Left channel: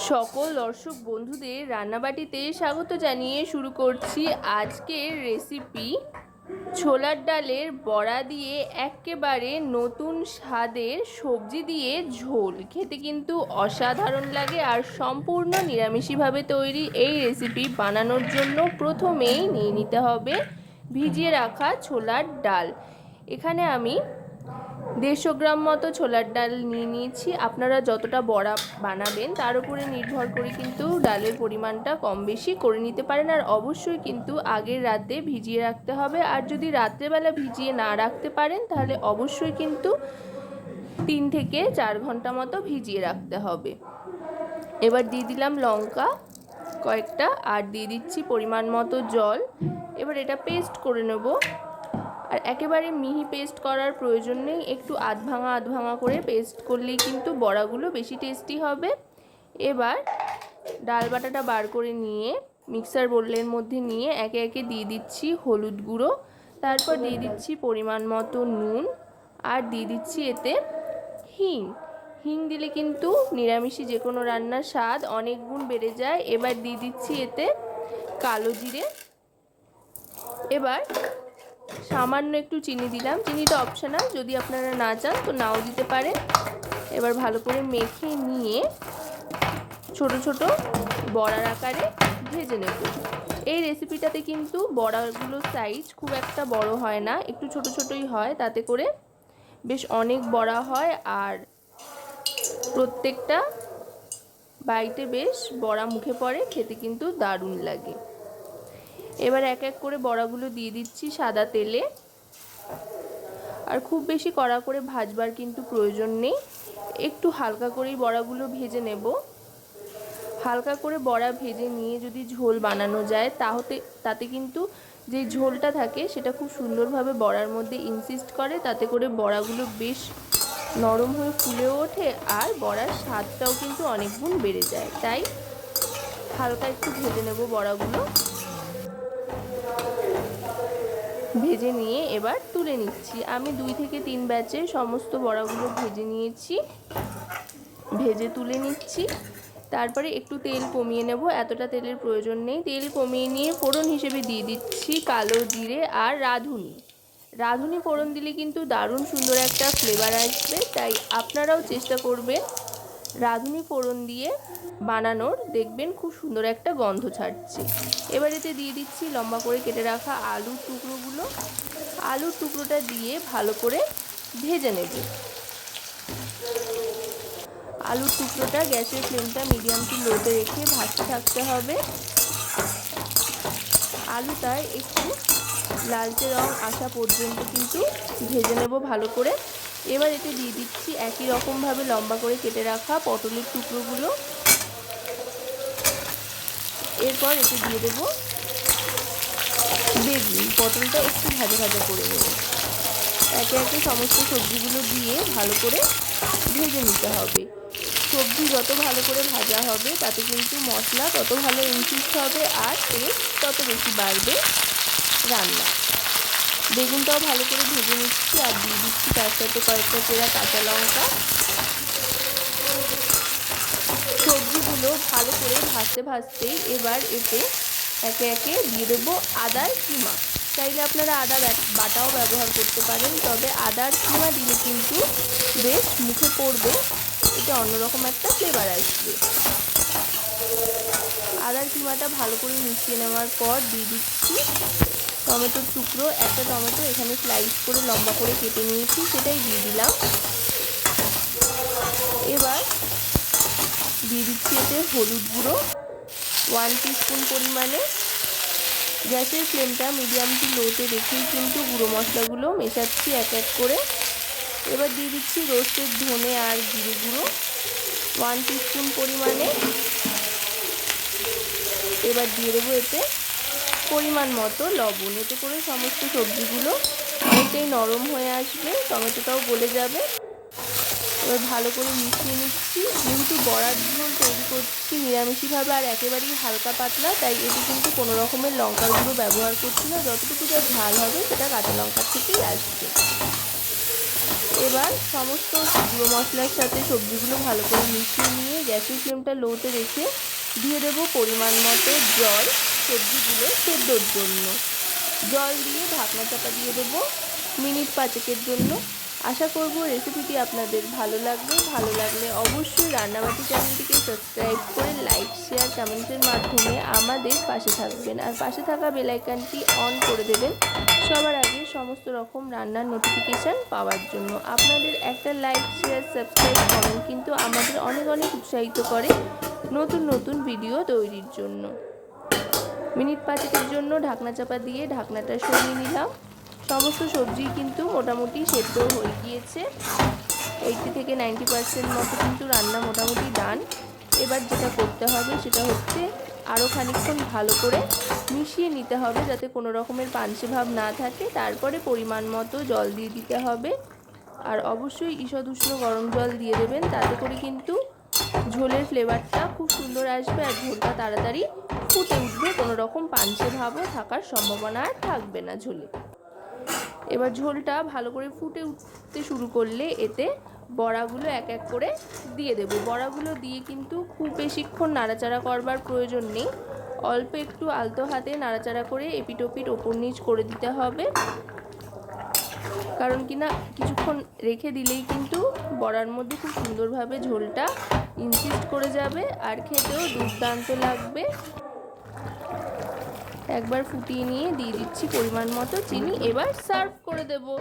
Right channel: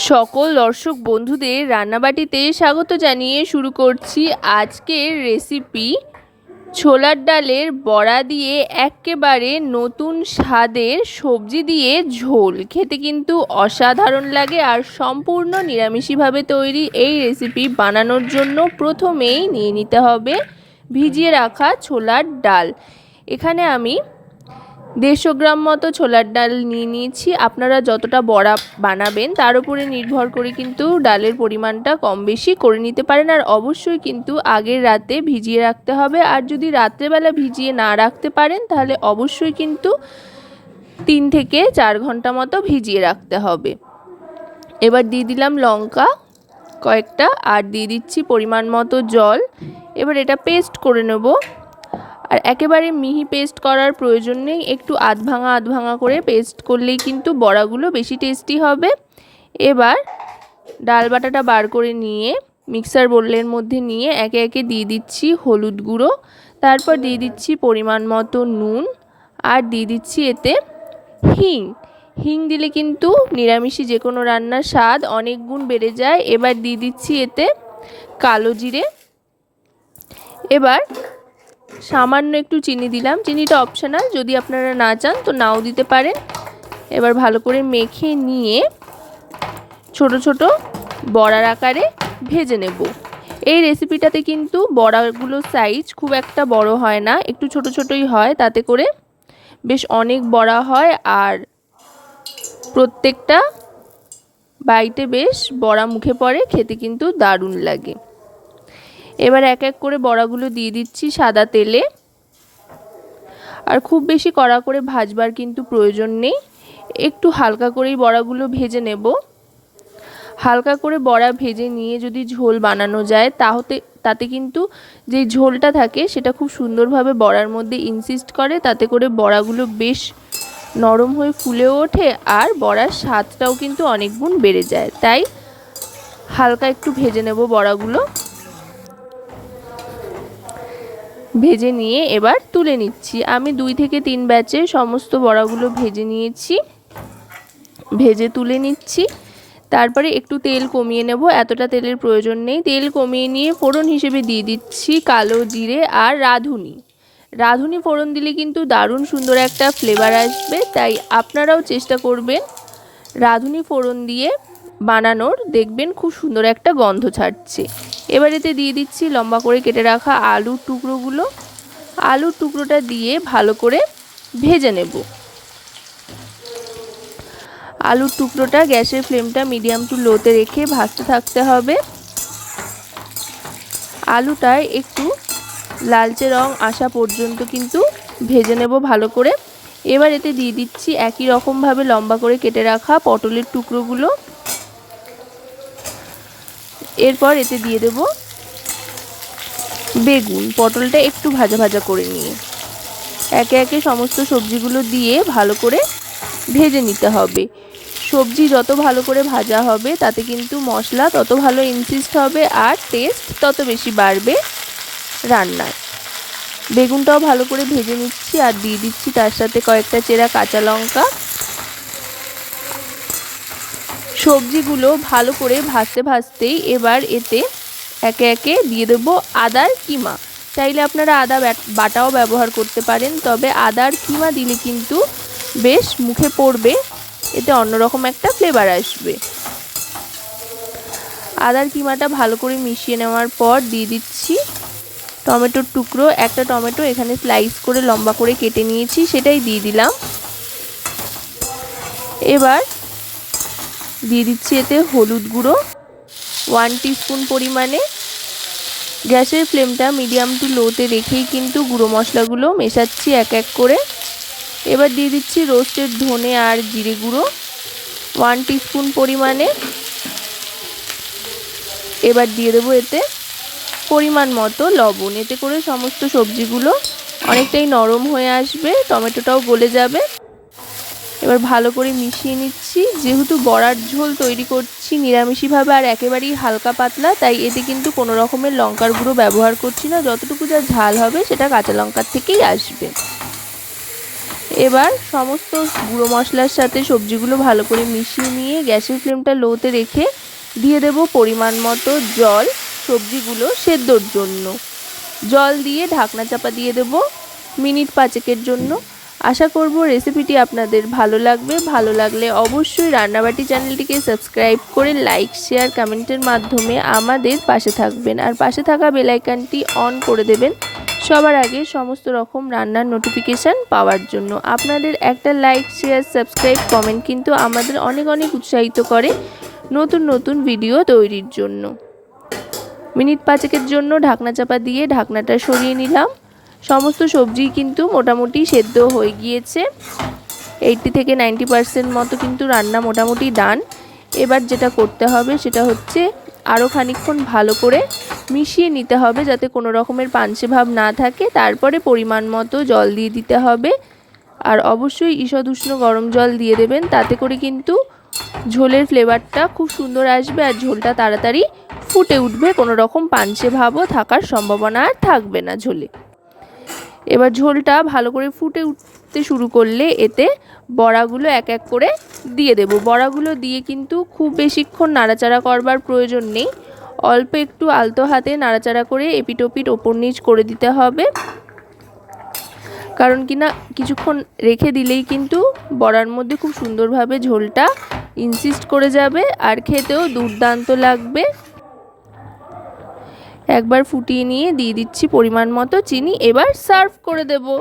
সকল দর্শক বন্ধুদের রান্নাবাটিতে স্বাগত জানিয়ে শুরু করছি আজকের রেসিপি ছোলার ডালের বড়া দিয়ে একেবারে নতুন স্বাদের সবজি দিয়ে ঝোল। খেতে কিন্তু অসাধারণ লাগে আর সম্পূর্ণ নিরামিষিভাবে তৈরি এই রেসিপি বানানোর জন্য প্রথমেই নিয়ে নিতে হবে ভিজিয়ে রাখা ছোলার ডাল। এখানে আমি দেড়শো গ্রাম মতো ছোলার ডাল নিয়ে নিয়েছি। আপনারা যতটা বড়া বানাবেন, তার উপরে নির্ভর করে কিন্তু ডালের পরিমাণটা কম বেশি করে নিতে পারেন। আর অবশ্যই কিন্তু আগের রাতে ভিজিয়ে রাখতে হবে। আর যদি রাত্রেবেলা ভিজিয়ে না রাখতে পারেন, তাহলে অবশ্যই কিন্তু তিন থেকে চার ঘণ্টা মতো ভিজিয়ে রাখতে হবে। এবার দিয়ে দিলাম লঙ্কা কয়েকটা, আর দিয়ে দিচ্ছি পরিমাণ মতো জল। এবার এটা পেস্ট করে নেব। আর একেবারে মিহি পেস্ট করার প্রয়োজন নেই। একটু আধ ভাঙা আধ ভাঙা করে পেস্ট করলেই কিন্তু বড়াগুলো বেশি টেস্টি হবে। এবার ডাল বাটাটা বার করে নিয়ে মিক্সার বোলের মধ্যে নিয়ে একে একে দিয়ে দিচ্ছি হলুদ গুঁড়ো। তারপর দিয়ে দিচ্ছি পরিমাণ মতো নুন আর দিয়ে দিচ্ছি এতে হিং। হিং দিলে কিন্তু নিরামিষি যে কোনো রান্নার স্বাদ অনেক গুণ বেড়ে যায়। এবার দিয়ে দিচ্ছি এতে কালো জিরে। এবার সামান্য একটু চিনি দিলাম। চিনিটা অপশনাল যদি আপনারা না চান তো নাও দিতে পারেন। এবার ভালো করে মেখে নিয়ে ছোট ছোট বড়ার আকারে ভেজে নেব। এই রেসিপিটাতে কিন্তু বড়াগুলো সাইজ খুব একটা বড় হয় না, একটু ছোট ছোটই হয়। তাতে করে বেশ অনেক বড়া হয় আর প্রত্যেকটা বাইটে বেশ বড়া মুখে পড়ে, খেতে কিন্তু দারুণ লাগে। এবার এক এক করে বড়াগুলো দিয়ে দিচ্ছি সাদা তেলে। আর খুব বেশি কড়া করে ভাজবার কিন্তু প্রয়োজন নেই। একটু হালকা করেই বড়াগুলো ভেজে নেব। হালকা করে বড়া ভেজে নিয়ে যদি ঝোল বানানো যায়, তাহতে, তাতে কিন্তু যে ঝোলটা থাকে, সেটা খুব সুন্দরভাবে বড়ার মধ্যে ইনসিস্ট করে, তাতে করে বড়াগুলো বেশ নরম হয়ে ফুলেও ওঠে আর বড়ার স্বাদটাও কিন্তু অনেক গুণ বেড়ে যায়। তাই হালকা একটু ভেজে নেব বড়াগুলো। ভেজে নিয়ে এবার তুলে নিচ্ছি। আমি দুই থেকে তিন ব্যাচে সমস্ত বড়াগুলো ভেজে নিয়েছি। ভেজে তুলে নিচ্ছি। তারপরে একটু তেল কমিয়ে নেব, এতটা তেলের প্রয়োজন নেই। তেল কমিয়ে নিয়ে ফোড়ন হিসেবে দিয়ে দিচ্ছি কালো জিরে আর রাঁধুনি। রাঁধুনি ফোড়ন দিলে কিন্তু দারুণ সুন্দর একটা ফ্লেভার আসবে, তাই আপনারাও চেষ্টা করবেন রাঁধুনি ফোড়ন দিয়ে বানানোর দেখবেন খুব সুন্দর একটা গন্ধ ছাড়ছে। এবার এতে দিয়ে দিচ্ছি লম্বা করে কেটে রাখা আলুর টুকরোগুলো। আলুর টুকরোটা দিয়ে ভালো করে ভেজে নেব। আলুর টুকরোটা গ্যাসের ফ্লেমটা মিডিয়াম টু লোতে রেখে ভাজতে থাকতে হবে। আলুটায় একটু লালচে রং আসা পর্যন্ত কিন্তু ভেজে নেব ভালো করে। এবার এতে দিয়ে দিচ্ছি একই রকমভাবে লম্বা করে কেটে রাখা পটলের টুকরোগুলো। এরপর এতে দিয়ে দেব বেগুন, পটলটা একটু ভাজা ভাজা করে নিয়ে। একে একে সমস্ত সবজিগুলো দিয়ে ভালো করে ভেজে নিতে হবে। সবজি যত ভালো করে ভাজা হবে, তাতে কিন্তু মশলা তত ভালো ইনসিস্ট হবে আর টেস্ট তত বেশি বাড়বে রান্নার বেগুনটাও ভালো করে ভেজে নিচ্ছি আর দিয়ে দিচ্ছি তার সাথে কয়েকটা চেরা কাঁচা লঙ্কা। সবজিগুলো ভালো করে ভাজতে ভাজতেই এবার এতে একে একে দিয়ে দেবো আদার কিমা। চাইলে আপনারা আদা বাটাও ব্যবহার করতে পারেন, তবে আদার কিমা দিলে কিন্তু বেশ মুখে পড়বে, এতে অন্যরকম একটা ফ্লেভার আসবে। আদার কিমাটা ভালো করে মিশিয়ে নেওয়ার পর দিয়ে দিচ্ছি টমেটোর টুকরো, একটা টমেটো এখানে স্লাইস করে লম্বা করে কেটে নিয়েছি, সেটাই দিয়ে দিলাম। এবার দিয়ে দিচ্ছি এতে হলুদ গুঁড়ো ওয়ান টিস্পুন পরিমাণে। গ্যাসের ফ্লেমটা মিডিয়াম টু লোতে রেখেই কিন্তু গুঁড়ো মশলাগুলো মেশাচ্ছি এক এক করে। এবার দিয়ে দিচ্ছি রোস্টের ধনে আর জিরে গুঁড়ো ওয়ান টিস্পুন পরিমাণে। এবার দিয়ে দেবো এতে পরিমাণ মতো লবণ। এতে করে সমস্ত সবজিগুলো অনেকটাই নরম হয়ে আসবে, টমেটোটাও গলে যাবে। এবার ভালো করে মিশিয়ে নিচ্ছি। যেহেতু বড়ার ঝোল তৈরি করছি নিরামিষিভাবে আর একেবারেই হালকা পাতলা, তাই এতে কিন্তু কোনো রকমের লঙ্কার গুঁড়ো ব্যবহার করছি না। যতটুকু যা ঝাল হবে সেটা কাঁচা লঙ্কার থেকেই আসবে। এবার সমস্ত গুঁড়ো মশলার সাথে সবজিগুলো ভালো করে মিশিয়ে নিয়ে গ্যাসের ফ্লেমটা লোতে রেখে দিয়ে দেব পরিমাণ মতো জল। সবজিগুলো সেদ্ধর জন্য। জল দিয়ে ঢাকনা চাপা দিয়ে দেব মিনিট পাঁচেকের জন্য। আশা করব রেসিপিটি আপনাদের ভালো লাগবে। ভালো লাগলে অবশ্যই রান্নাবাটি চ্যানেলটিকে সাবস্ক্রাইব করে লাইক, শেয়ার, কমেন্টের মাধ্যমে আমাদের পাশে থাকবেন। আর পাশে থাকা বেলাইকানটি অন করে দেবেন সবার আগে সমস্ত রকম রান্নার নোটিফিকেশান পাওয়ার জন্য। আপনাদের একটা লাইক, শেয়ার, সাবস্ক্রাইব, কমেন্ট কিন্তু আমাদের অনেক অনেক উৎসাহিত করে নতুন নতুন ভিডিও তৈরির জন্য। মিনিট পাঁচেকের জন্য ঢাকনা চাপা দিয়ে ঢাকনাটা সরিয়ে নিলাম। সমস্ত সবজি কিন্তু মোটামুটি সেদ্ধ হয়ে গিয়েছে। এইটটি থেকে নাইনটি পার্সেন্ট মতো কিন্তু রান্না মোটামুটি ডান। এবার যেটা করতে হবে সেটা হচ্ছে আরও খানিকক্ষণ ভালো করে মিশিয়ে নিতে হবে যাতে কোনো রকমের পাঞ্চে ভাব না থাকে। তারপরে পরিমাণ মতো জল দিয়ে দিতে হবে। আর অবশ্যই ঈষদ উষ্ণ গরম জল দিয়ে দেবেন। তাতে করে কিন্তু ঝোলের ফ্লেভারটা খুব সুন্দর আসবে আর ঝোলটা তাড়াতাড়ি ফুটে উঠবে। কোনো রকম পাঞ্চে ভাবও থাকার সম্ভাবনা আর থাকবে না ঝোলে। এবার ঝোলটা ভালো করে ফুটে উঠতে শুরু করলে এতে বড়াগুলো এক এক করে দিয়ে দেব। বড়াগুলো দিয়ে কিন্তু খুব বেশিক্ষণ নাড়াচাড়া করবার প্রয়োজন নেই। অল্প একটু আলতো হাতে নাড়াচাড়া করে এপিটোপিট ওপর নিচ করে দিতে হবে। কারণ কি না কিছুক্ষণ রেখে দিলেই কিন্তু বড়ার মধ্যে খুব সুন্দরভাবে ঝোলটা ইনসিস্ট করে যাবে আর খেতেও দুর্দান্ত লাগবে। একবার ফুটিয়ে নিয়ে দিয়ে দিচ্ছি পরিমাণ মতো চিনি, এবার সার্ভ করে দেবো।